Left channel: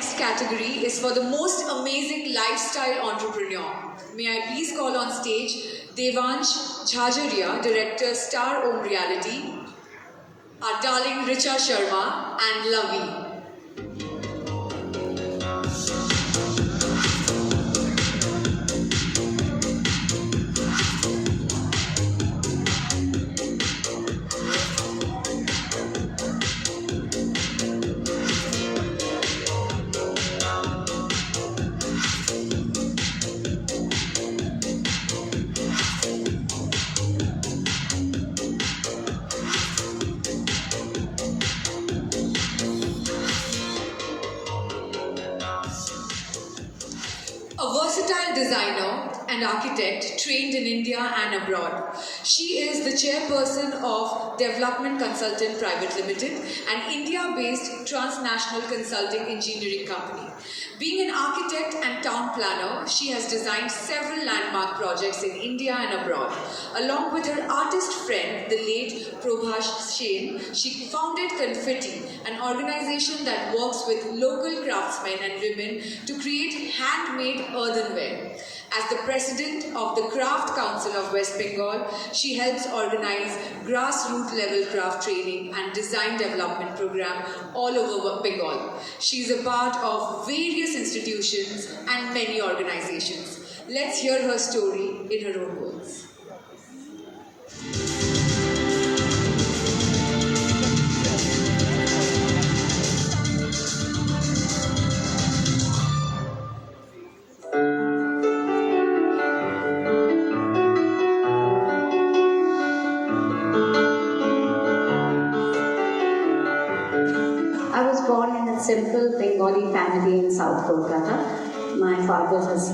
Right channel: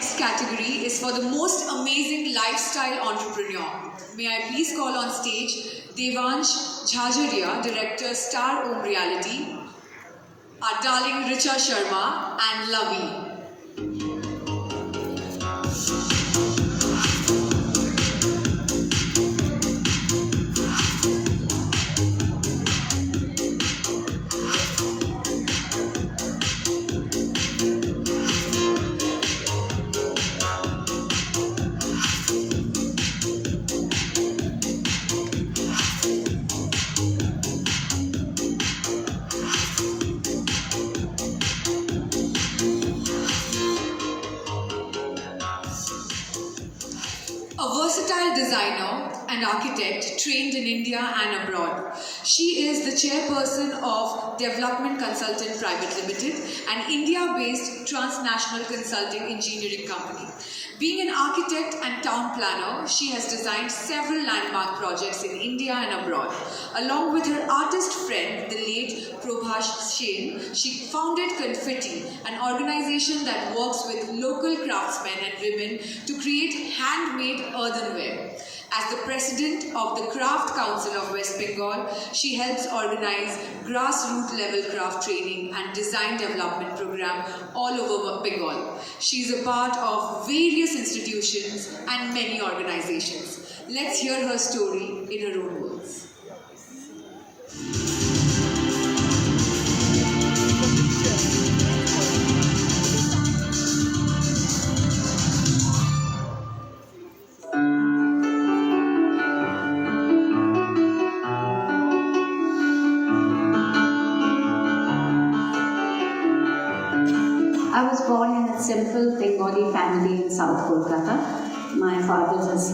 Next category is for the most amazing lifestyle entrepreneur. May I please call on stage Devansh Jhajaria, Director, Star Owned Reality, our darling Richa Sharma and Lavi. A versatile designer and architect trained in India and abroad. She is the chairperson of Development Consultant Private Limited, an India-based transnational consulting engineering company. Being an architect and town planner, she has designed several landmark projects in India and abroad. Along with her artist friend, the late Prabhash Sen, she founded Confetti, an organization that works with local craftsmen and women to create handmade earthenware. As the president of the Craft Council of West Bengal, she helps organize grassroots level craft training and design development program all over Bengal. She is a part of various institutions and many organizations. Let's hear her story in her own words. I was born in a simple Bengali family in South Kolkata. My father is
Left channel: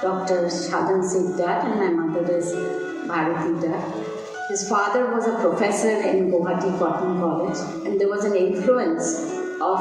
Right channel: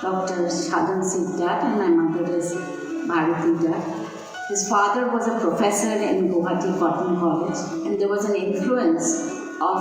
Dr. Shadan Singh Dad and my mother is Bharati Dad. His father was a professor in Guwahati Cotton College, and there was an influence of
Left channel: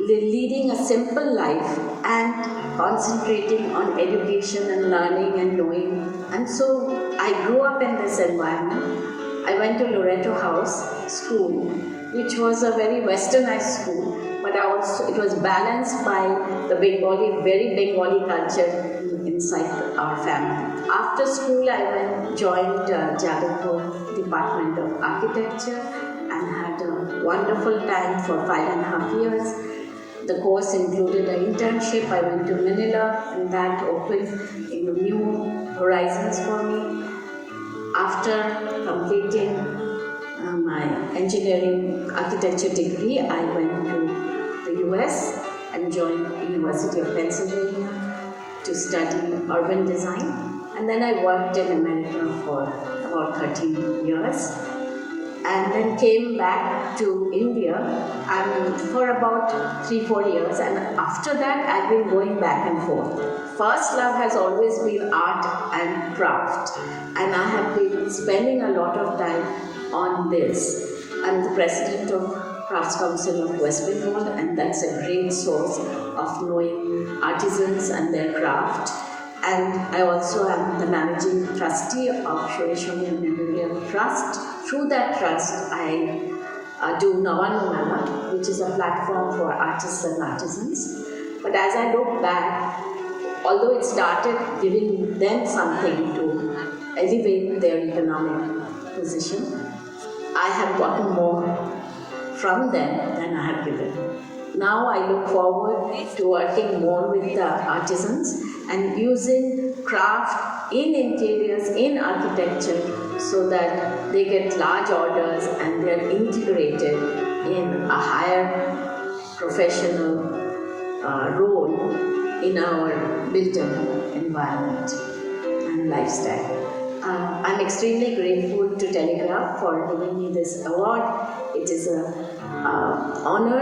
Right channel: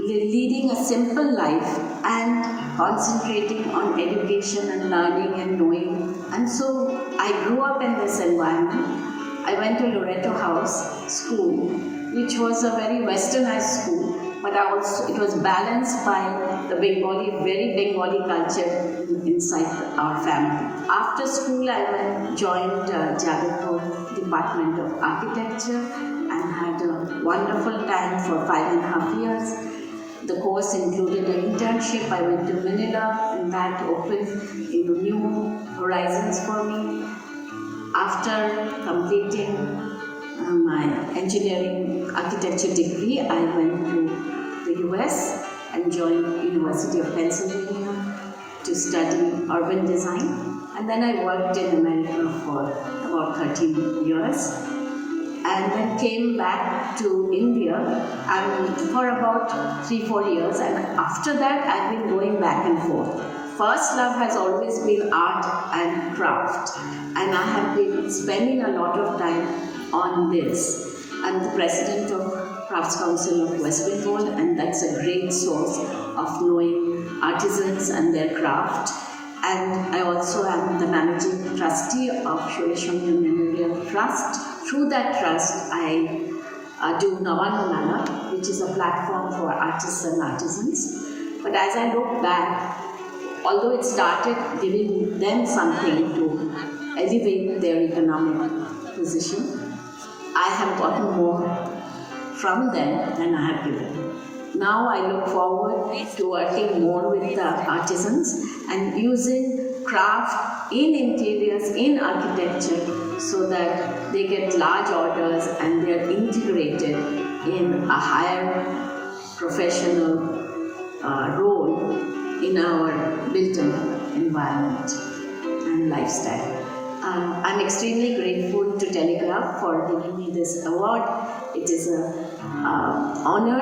leading a simple life and concentrating on education and learning and knowing. And so I grew up in this environment. I went to Loreto House School, which was a very westernized school, but it was balanced by the very Bengali culture inside our family. After school, I joined Jadavpur Department of Architecture and had a wonderful time for 5.5 years. The course included an internship. I went to Manila, and that opened new horizons for me. After completing my engineering architecture degree, I went to the US and joined University of Pennsylvania to study urban design. And then I worked in America for about 13 years and then came back to India for about 3-4 years. And after that, I've been going back and forth. First love has always been art and craft, and I have been spending a lot of time on this. I'm the president of Crafts Council of West Bengal, and that's a great source of knowing artisans and their craft. And I also am the managing trustee of Shoreshwari Memorial Trust. Through that trust, I do Navanu Mela, which is a platform for artists and artisans. But as I look back, although it started giving them something to elevate their economic position, I have gotten more from them than I have given. Now I look forward to working more with the artisans and using craft in interiors, in architecture, so that they get large orders and they are integrated in a higher professional role in our built environment and lifestyle. I'm extremely grateful to Telegraph for giving me this award. It is an honor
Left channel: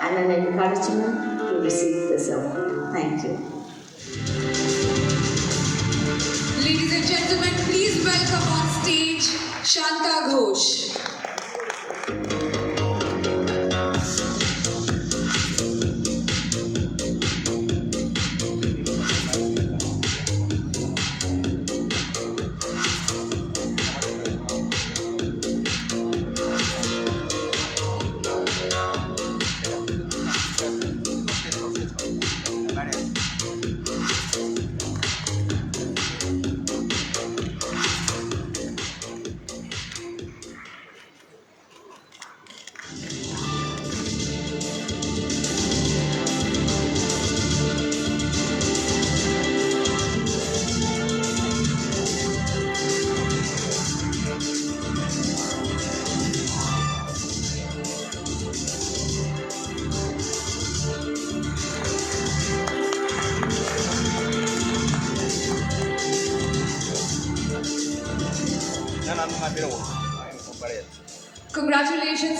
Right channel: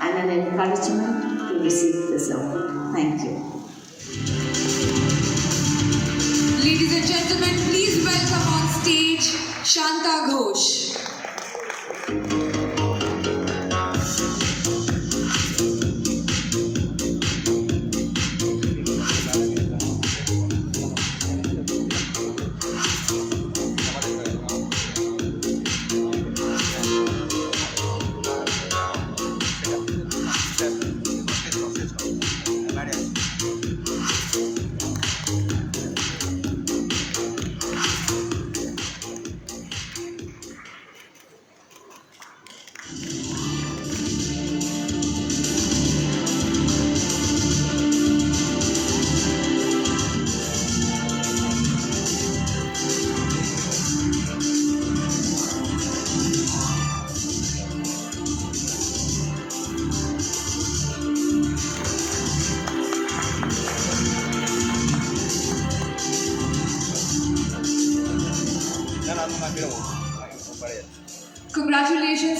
and an encouragement to receive this award. Thank you. Ladies and gentlemen, please welcome on stage Shanta Ghosh.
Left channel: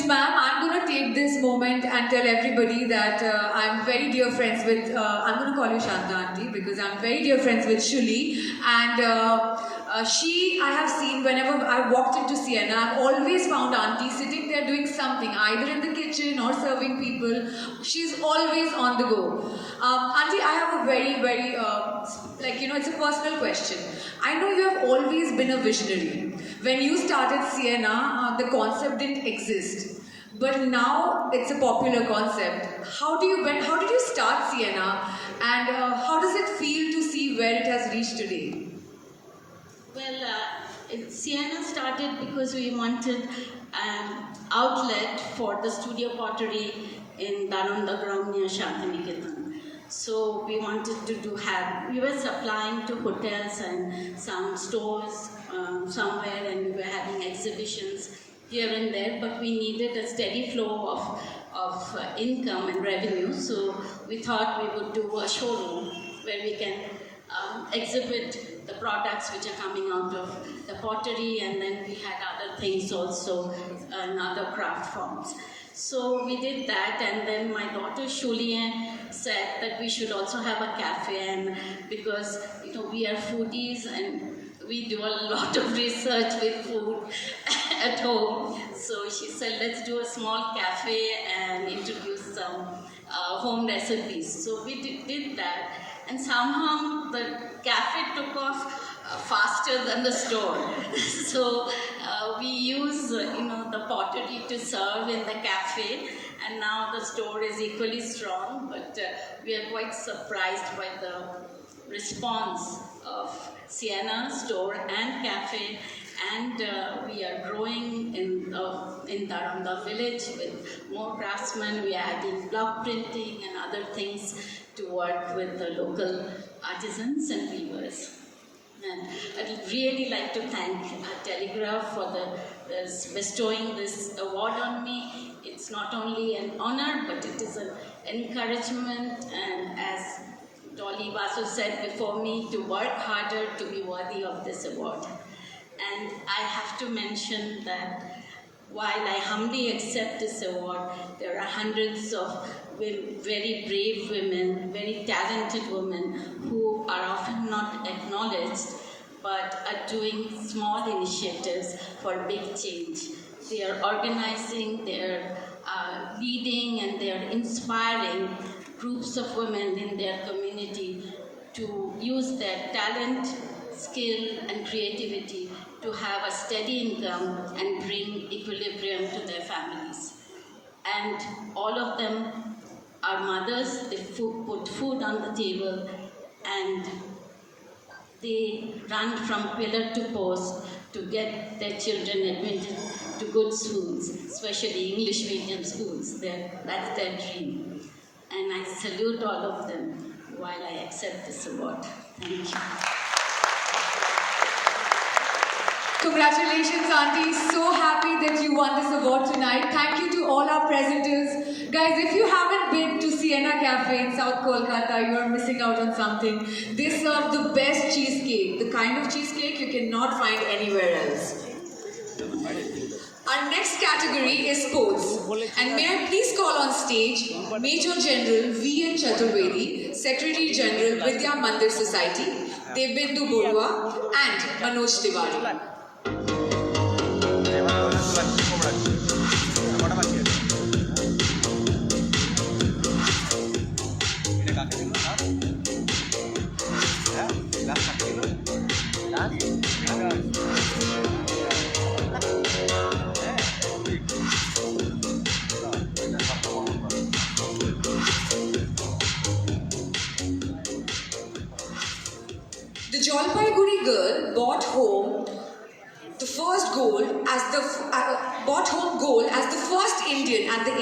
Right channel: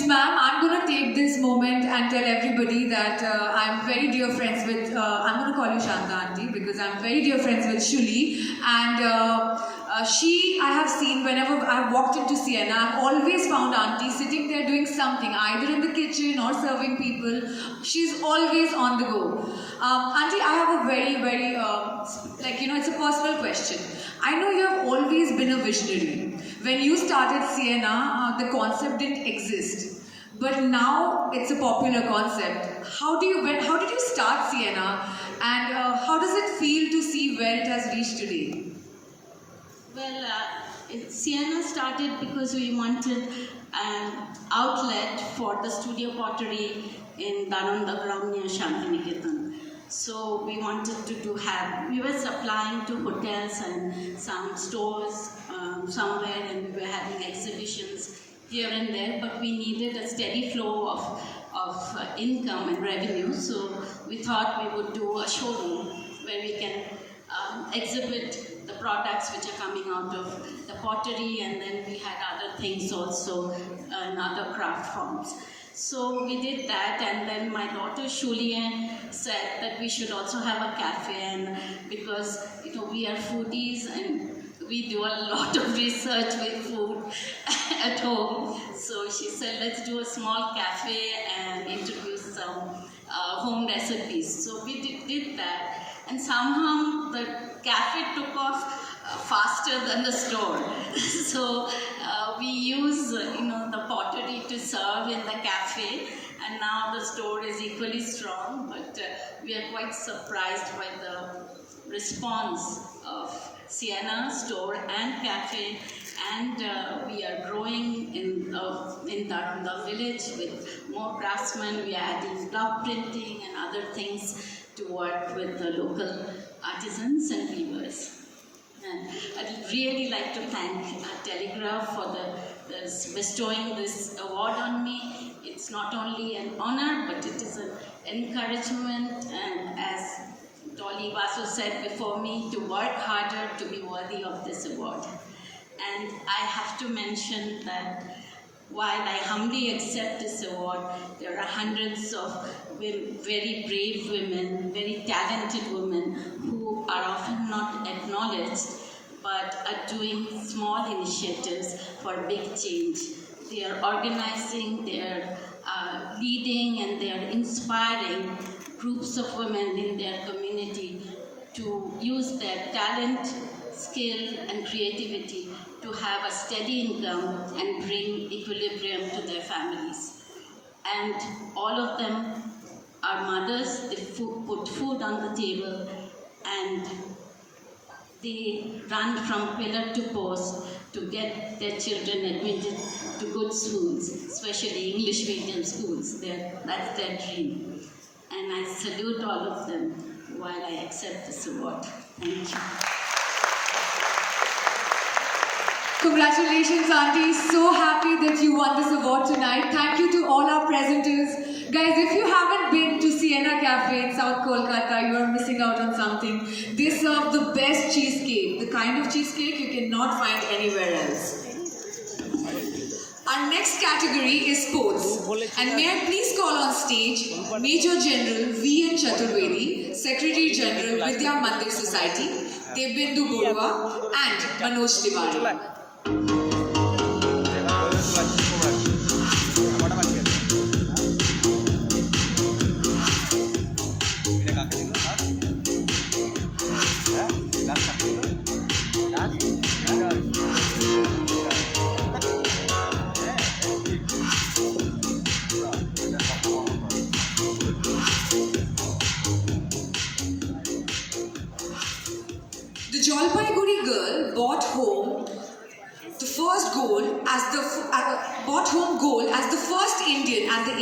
ma'am, I'm going to take this moment and tell everybody that I'm very dear friends with, I'm going to call you Shanta Auntie because I'm very dear friends with Shuli. And I have seen whenever I've walked into Sienna, I've always found Auntie sitting there doing something, either in the kitchen or serving people. She's always on the go. Auntie, I have a very, it's a personal question. I know you have always been a visionary. When you started Sienna, the concept didn't exist. But now it's a popular concept. How did you start Sienna, and how does it feel to see where it has reached today? Well, Sienna started because we wanted an outlet for the studio pottery in Darundagram near Shantiniketan. So we wanted we were supplying to hotels and some stores somewhere, and we were having exhibitions here and there, but we needed a steady flow of income and revenue. So we thought we would do a showroom where we can exhibit the products which are coming out of the pottery, and then we had other things also and other craft forms. So we did that, and then my daughter Shulien said that we should also have a cafe, and because we are foodies and we do a lot of research with food at home. So she said, let's do a small cafe and introduce some home recipes. So we did that, and somehow the cafe took off faster than the store. So we use the pottery to serve in the cafe, and now the store is equally strong, but we are quite surprised by the response of Sienna store and cafe, and we are growing in the village with more craftsmen. We are adding block printing and other things to work with the local artisans and weavers. And I'd really like to thank Telegraph for bestowing this award on me. It's not only an honor, but it is an encouragement, and as Dolly Vasu said before me, to work harder to be worthy of this award. And I have to mention that while I humbly accept this award, there are hundreds of very brave women, very talented women who are often not acknowledged, but are doing small initiatives for big change. They are organizing, they are leading, and they are inspiring groups of women in their community to use their talent, skill, and creativity to have a steady income and bring equilibrium to their families. And all of them are mothers. They put food on the table, and they run from pillar to post to get their children admitted to good schools, especially English medium schools. That's their dream. And I salute all of them while I accept this award. Thank you. Congratulations, Auntie. So happy that you won this award tonight. Thank you to all our presenters. Guys, if you haven't been to Sienna Cafe in South Kolkata, you are missing out on something. They serve the best cheesecake, the kind of cheesecake you cannot find anywhere else. Our next category is sports. And may I please call on stage Major General V. N. Chaturvedi, Secretary General Vidya Mandir Society, Debindu Borua, and Manoj Tiwari. The Jalpaiguri girl brought home gold as the first Indian at the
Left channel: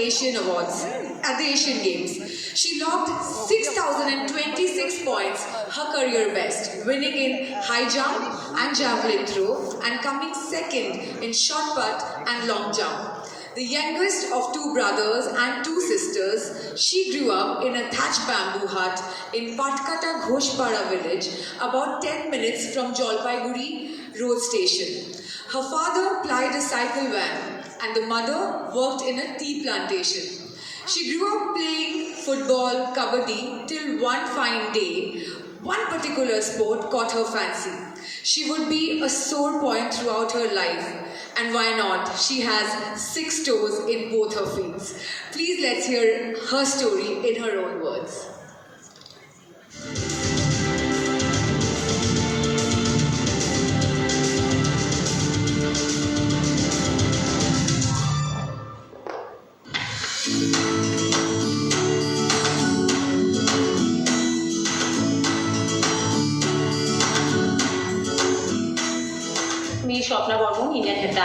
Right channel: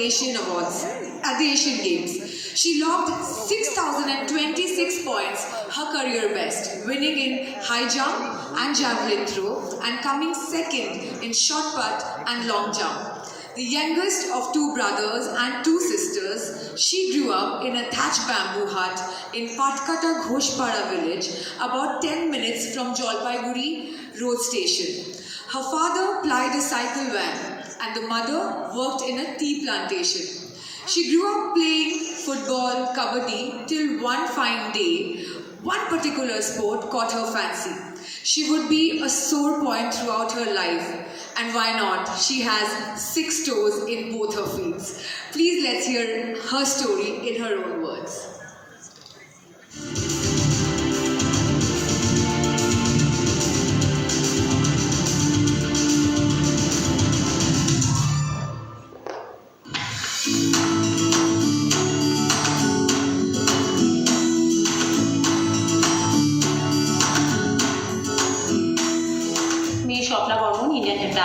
Asian Games. She logged 6,026 points, her career best, winning in high jump and javelin throw, and coming second in shot put and long jump. The youngest of two brothers and two sisters, she grew up in a thatched bamboo hut in Patkata Ghoshpara village, about 10 minutes from Jalpaiguri road station. Her father plied a cycle van and the mother worked in a tea plantation. She grew up playing football, kabaddi, till one fine day, one particular sport caught her fancy. She would be a sore point throughout her life. And why not? She has 6 toes in both her feet. Please let's hear her story in her own words.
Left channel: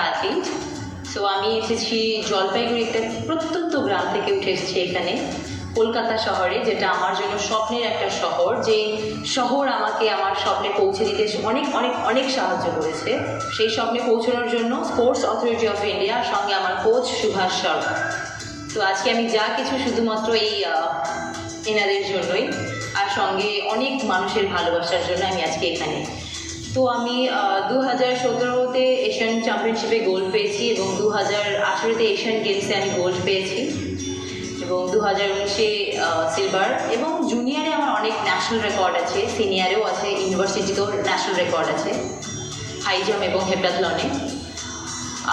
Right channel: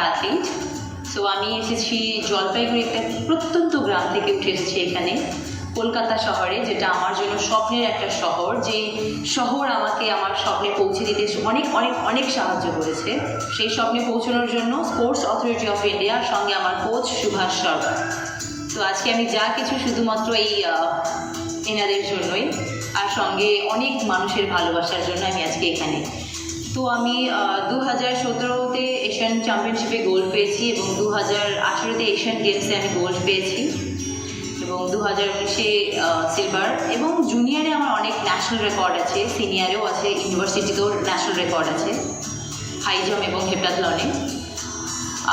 Athlete. So আমি এসেছি জলপাইগুড়ি একটা প্রত্যন্ত গ্রাম থেকে উঠে এসেছি এখানে কলকাতা শহরে, যেটা আমার জন্য স্বপ্নের একটা শহর। যে শহর আমাকে আমার স্বপ্নে পৌঁছে দিতে অনেক অনেক অনেক সাহায্য করেছে। সেই স্বপ্নে পৌঁছানোর জন্য স্পোর্টস অথরিটি অফ ইন্ডিয়ার সঙ্গে আমার কোচ সুভাষ শর্মা। তো আজকে আমি যা কিছু শুধুমাত্র এই এনাদের জন্যই, আর সঙ্গে অনেক মানুষের ভালোবাসার জন্য আমি আজকে এখানে। তো আমি 2017-তে এশিয়ান চ্যাম্পিয়নশিপে গোল্ড পেয়েছি এবং 2018-তে এশিয়ান গেমসে আমি গোল্ড পেয়েছি এবং 2019-এ সিলভার। এবং জুনিয়রে আমার অনেক ন্যাশনাল রেকর্ড আছে, সিনিয়রেও আছে, ইউনিভার্সিটিতেও ন্যাশনাল রেকর্ড আছে হাই জাম্প এবং হেপ্টাথলনে।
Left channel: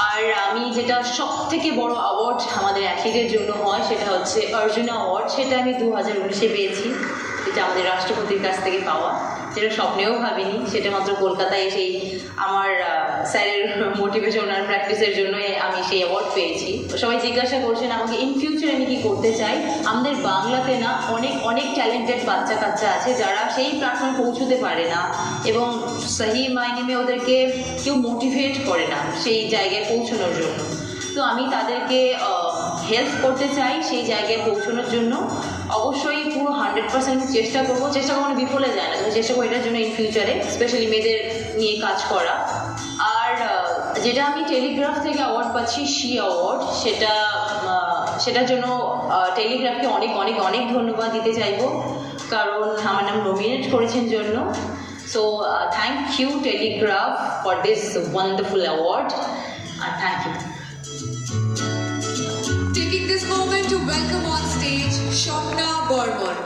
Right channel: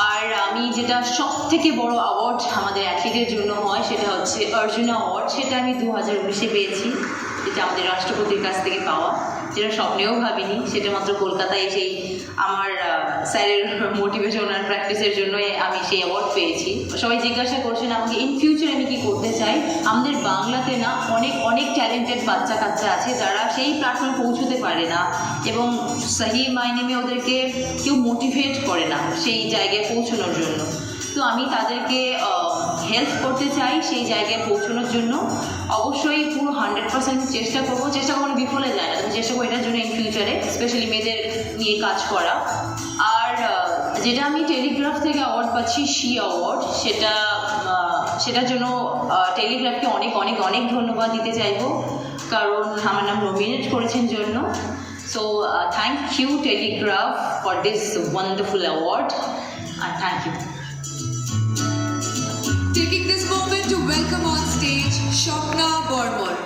আর আমি যেটা সব থেকে বড় অ্যাওয়ার্ড আমাদের অ্যাথলিটের জন্য হয় সেটা হচ্ছে অর্জুন অ্যাওয়ার্ড। সেটা আমি 2019-এ পেয়েছি, যেটা আমাদের রাষ্ট্রপতির কাছ থেকে পাওয়া, যেটা স্বপ্নেও ভাবিনি। সেটা মাত্র কলকাতায় সেই আমার স্যারের মোটিভেশন আর প্র্যাকটিসের জন্যই আমি সেই অ্যাওয়ার্ড পেয়েছি। সবাই জিজ্ঞাসা করছেন আমাকে ইন ফিউচার আমি কী করতে চাই। আমাদের বাংলাতে না অনেক অনেক ট্যালেন্টেড বাচ্চা কাচ্চা আছে যারা সেই প্ল্যাটফর্মে পৌঁছতে পারে না এবং সহি মাইনে ওদেরকে কেউ মোটিভেট করে না সেই জায়গায় পৌঁছানোর জন্য। তো আমি তাদেরকে হেল্প করতে চাই সেই জায়গায় পৌঁছানোর জন্য। অবশ্যই পুরো 100% চেষ্টা করবো মানে বিফলে যায় না, তো চেষ্টা করবো এটার জন্য ইন ফিউচারে স্পেশালি মেয়েদের নিয়ে কাজ করা। আর যেটা আমি টেলিগ্রাফ থেকে অ্যাওয়ার্ড পাচ্ছি শি অ্যাওয়ার্ড, সেটার জন্য টেলিগ্রাফকে অনেক অনেক অনেক ধন্যবাদ দিতে চাইবো, কারণ আমার নাম নমিনেট করেছেন জন্য। So thank you Telegraph for this wonderful award, and thank you. Taking this moment to welcome on stage Shopna Bormor.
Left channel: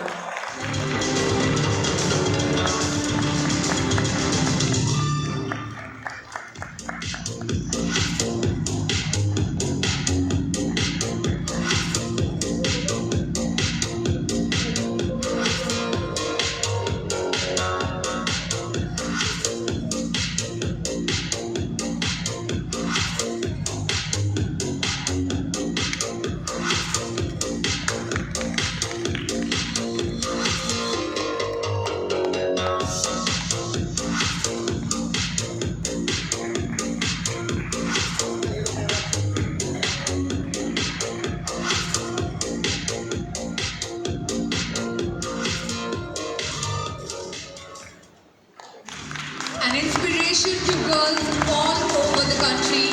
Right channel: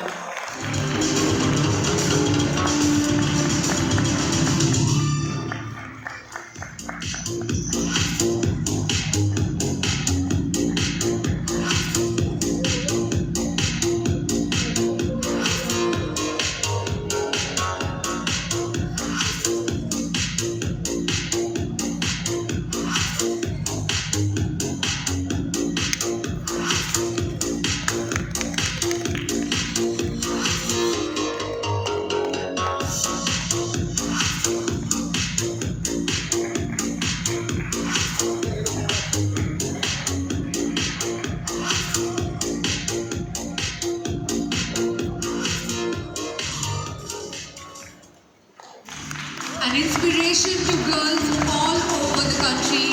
An inspiration to girls all over the country,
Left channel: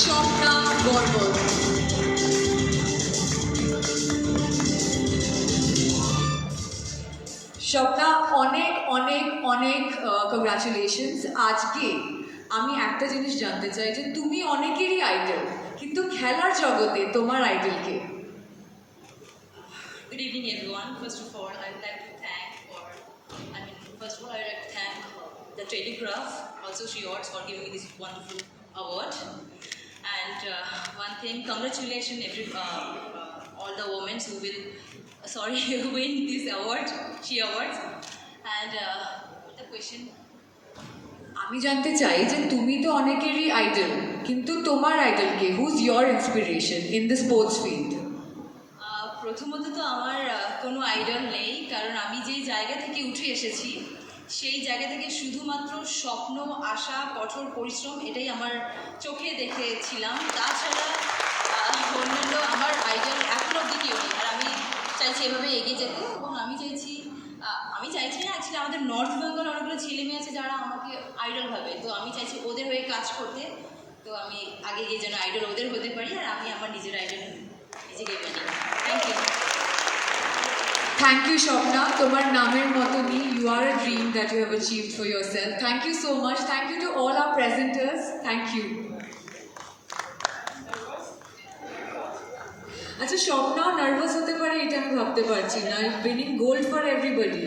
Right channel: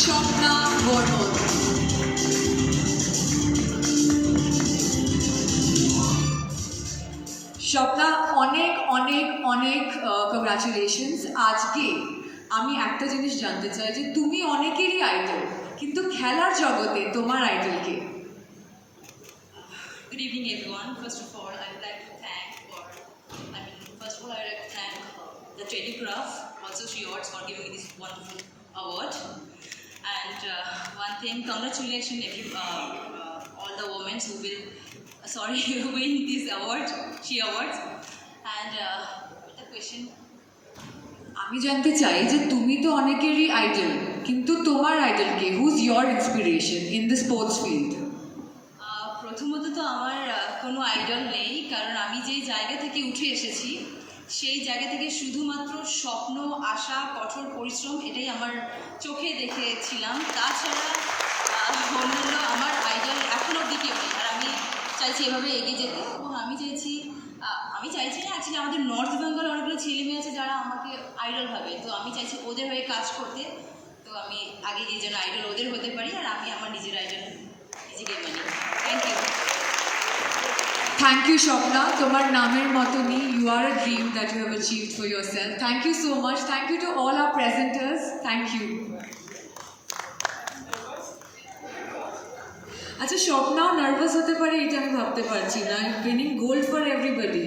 Shopna Bormor. Swapna, অনেক অনেক অনেক কংগ্রাচুলেশনস। আজকে আমি একটা জিনিস জানতে চাই যে তুমি অনেকেরই আইডল, কিন্তু খেলার জগতে তোমার idol K? Good evening, everyone. First of all, I would like to thank the Telegraph, also She Awards, for giving me this wonderful award. And one thing, congratulations all the women who will win this award, She Awards. And the question. আমি জানতে চাই যে তুমি তো অনেকেরই idol, কিন্তু তোমার idol কে? Whose your inspiration in the sports field? প্রথমত তো আমার কোনো আইডল নেই, কারণ আমি যেই জায়গা থেকে উঠে এসেছি সেই জায়গা থেকে শুধুমাত্র স্বপ্ন, আশা, কঠোর পরিশ্রম এটাই আমার চোখে দেখেছিলাম। তাছাড়া অন্যান্য আমার আইডল এখন অবধি কেউ নেই। আর আমি চাইছি এভাবে এগিয়ে যেতে, এবং আমি চাইছি না অ্যাকচুয়ালি আমাদের নর্থ বেঙ্গল অনেকগুলো ছেলে মেয়ে আছে যারা আমাকে আইডল ভাবে, তো আমি চাইছি ওদের হয়ে কাজ করতে। তো আমি আগে গিয়ে যেন আইডল ওদের হতে পারি, আর আমি আমার নিজের আইডল নিজেকে বানি। Thank you. Thank you, Shopna. তোমার নামের মতনই, you are a dream that you have achieved for yourself. Thank you so much. Thank you to all our presenters. Thank you. আচ্ছা, স্বপ্নাও নার্ভাস হতে পারে, এটা আমি ভাবতে পারছি না। Winning gold for everybody.